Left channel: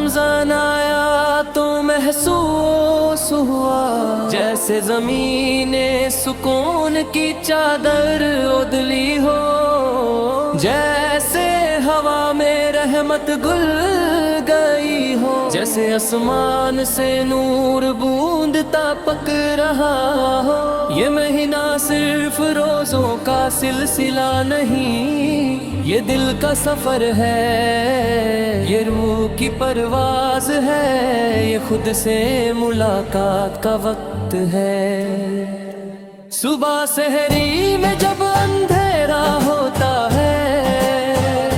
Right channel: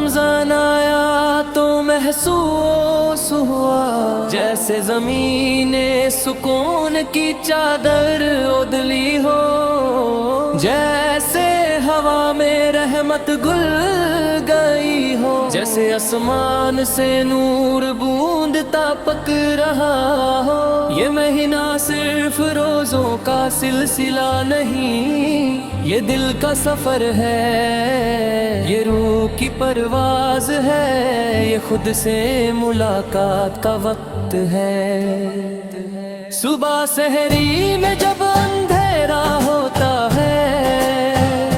رمضان آیا تو محسوس ہوا جیسے زمین سکون کی چادر اڈلی ہو، جیسے ہوا میں رحمت گل گئی ہو، جیسے آسمان سے نور بوندتا پک رہا ہو۔ یہ مہینہ صرف روزوں کا سلسلہ نہیں، یہ دل کا سفر ہے، یہ روح کی پرواز ہے، یہ خود سے ملاقات کا وقت ہے۔ صبح سحری میں جب اندھیرا ہوتا ہے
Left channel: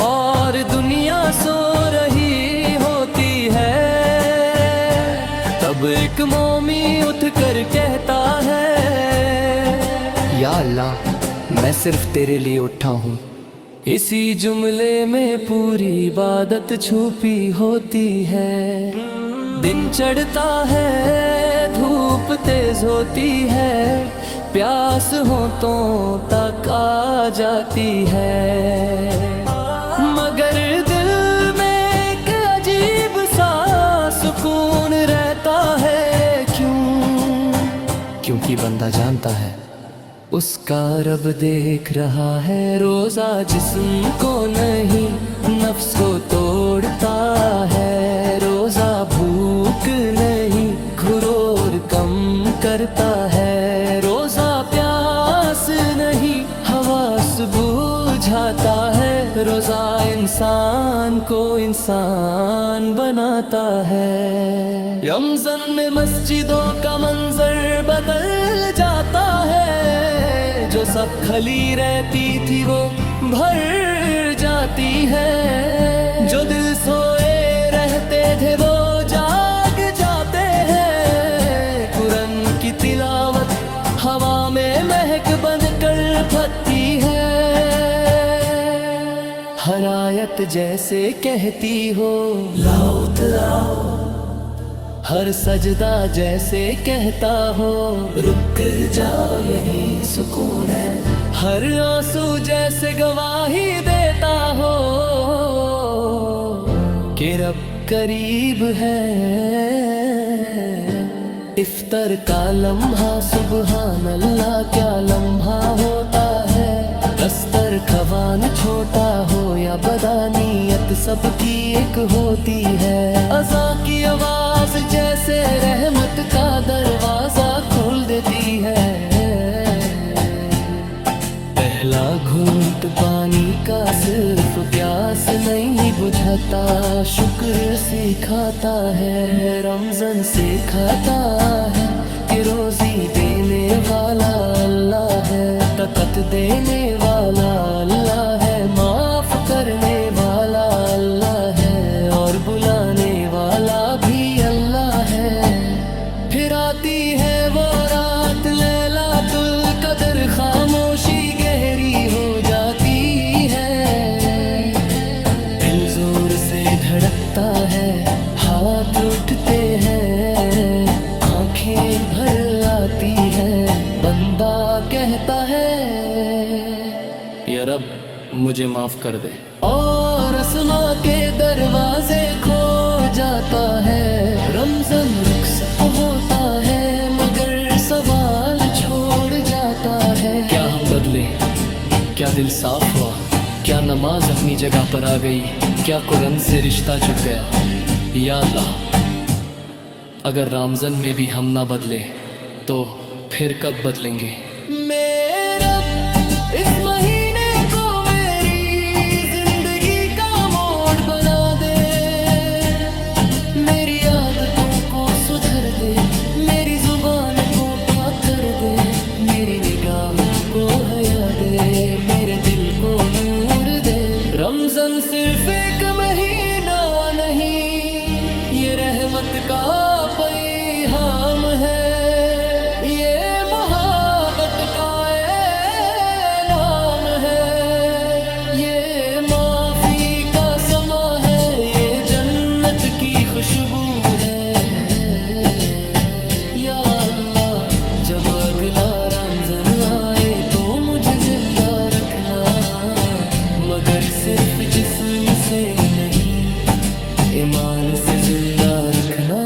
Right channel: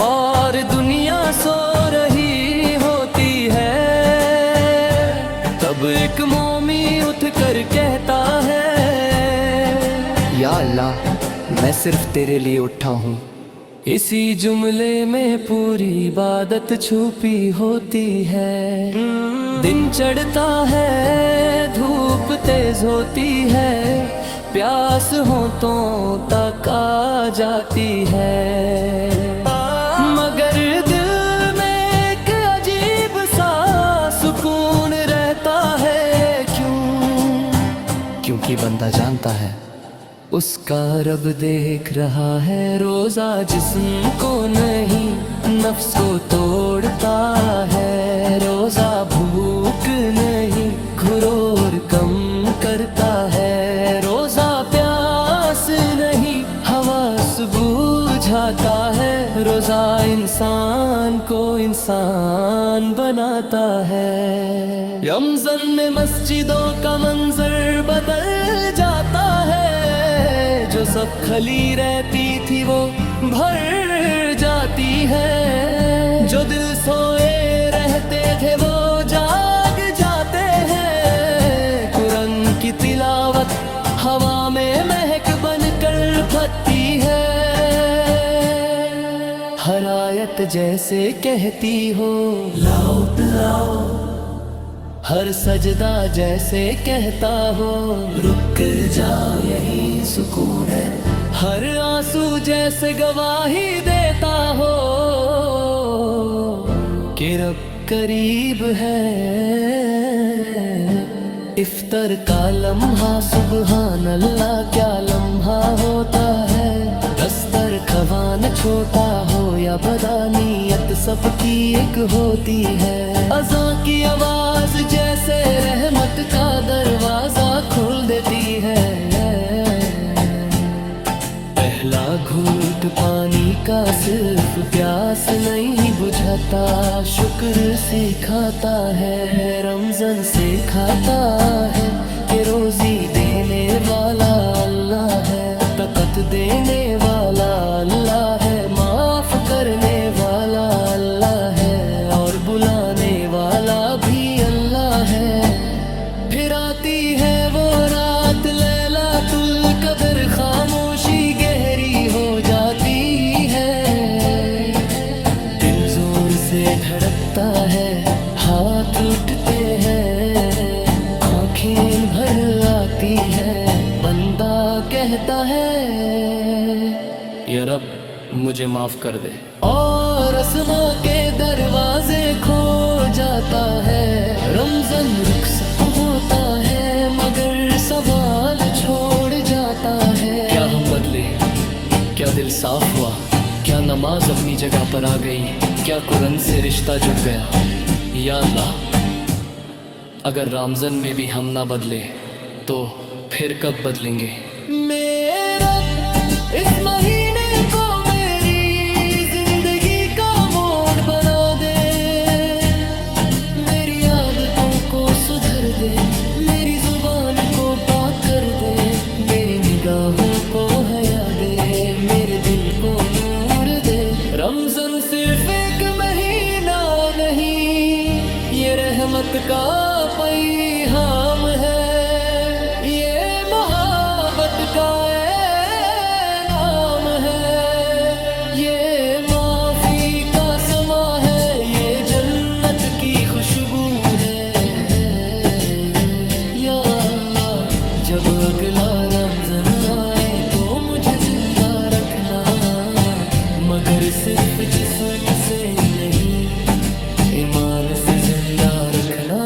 اور دنیا سو رہی ہوتی ہے، تب ایک مومی اٹھ کر کہتا ہے، یا اللہ میں صرف تیرے لیے اٹھا ہوں۔ اسی جملے میں پوری عبادت چھپی ہوتی ہے۔ دن چڑھتا ہے، دھوپ تیز ہوتی ہے، پیاس ہونٹوں تک آ جاتی ہے، مگر دل میں ایک عجیب سا سکون رہتا ہے۔ کیونکہ بندہ جانتا ہے اس کا رب دیکھ رہا ہے۔ روزہ جسم کو نہیں نفس کو توڑتا ہے، روزہ بھوک نہیں گھرور کم کرتا ہے، روزہ پیاس نہیں حواس بجھاتا ہے، روزہ انسان کو انسان بناتا ہے۔ رمضان میں مسجدوں کا منظر بدل جاتا ہے، جو سب کھلی رہتی تھی وہ بھر جاتی ہے، جو دل سوئے رہتے تھے وہ جاگ جاتے ہیں، قرآن کی تلاوت ہوا میں مہک بن کر پھٹتی ہے، ہر آیت جیسے کہتی ہو لاؤ تلاؤ، ہر سجدہ جیسے کہتا ہو رک جا یہی سکون ہے، ہر آنسو جیسے گواہی دیتا ہو کہ رب قریب ہے۔ افطار کا لمحہ سبحان اللہ کیا لمحہ ہوتا ہے، دسترخوان چھوٹا ہو یا بدانیت سب کی ایک ہوتی ہے، اذان کی آواز جیسے رحمت کا دروازہ کھول دیتی ہے، پہلا گھونٹ پانی کا صرف پیاس نہیں بجھاتا، شکر سکھاتا ہے، رمضان سکھاتا ہے کہ روزی دینے والا اللہ ہے، طاقت دینے والا اللہ ہے، معاف کرنے والا اللہ ہے، اور بلانے والا بھی اللہ ہے۔ پھر آتی ہے وہ رات لیلۃ القدر، خاموشی گہری ہو جاتی ہے، دل زور سے دھڑکتا ہے، ہاتھ اٹھتے ہیں، آنکھیں بھر آتی ہیں، بندہ کہتا ہے یا رب مجھے معاف کر دے، اور اسما کے دروازے کھو جاتا ہے۔ رمضان رخصت ہوتا ہے مگر سوال چھوڑ جاتا ہے، کیا ہم بدلے، کیا دل صاف ہوا، کیا نماز اپنی جگہ پر آ گئی، کیا قرآن سے رشتہ جڑ گیا؟ یا اللہ اگر رمضان میں بھی ہم نہ بدلے تو پھر کب بدلیں گے؟ میرے رب اس مہینے کو میری زندگی کا موڑ بنا دے، میری عادتوں کو سدھر دے، میری زبان کو پاک کر دے، میری نگاہوں کو حیا دے، میرے دل کو نور دے۔ رمضان صرف ایک مہینہ نہیں، یہ رحمت کا پیغام ہے، یہ محبت کا انعام ہے، یہ معافی کا سما ہے، یہ جنت کی خوشبو ہے۔ یا اللہ جب اگلا رمضان آئے تو مجھے زندہ رکھنا، مگر صرف جسم سے نہیں، ایمان سے زندہ رکھنا